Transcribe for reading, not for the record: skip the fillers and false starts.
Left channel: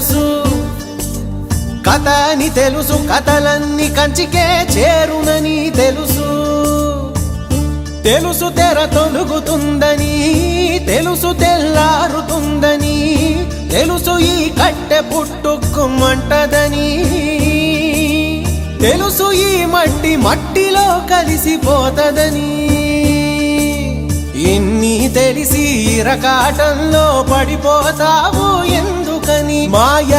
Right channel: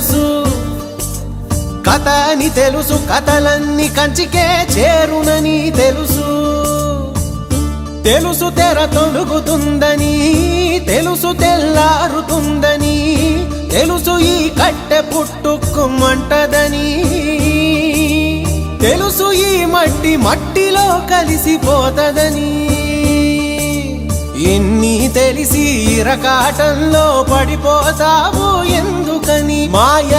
తెలుసు, కథ అని తెలుసు, కథలన్నీ కంచికే చేరునని తెలుసు. తెలుసు తెర తొలుగుతుందని, తెలుసు తెల్లారుతుందని, తెలుసు ఈ కట్టె పుట్టుకుమంటదని, తెలుసు ఈ మట్టి మట్టిలో కలిసిపోతదని. ఎన్ని తెలిసి ఇరకాటంలో పడిపోతావు ఎందుకని? మాయ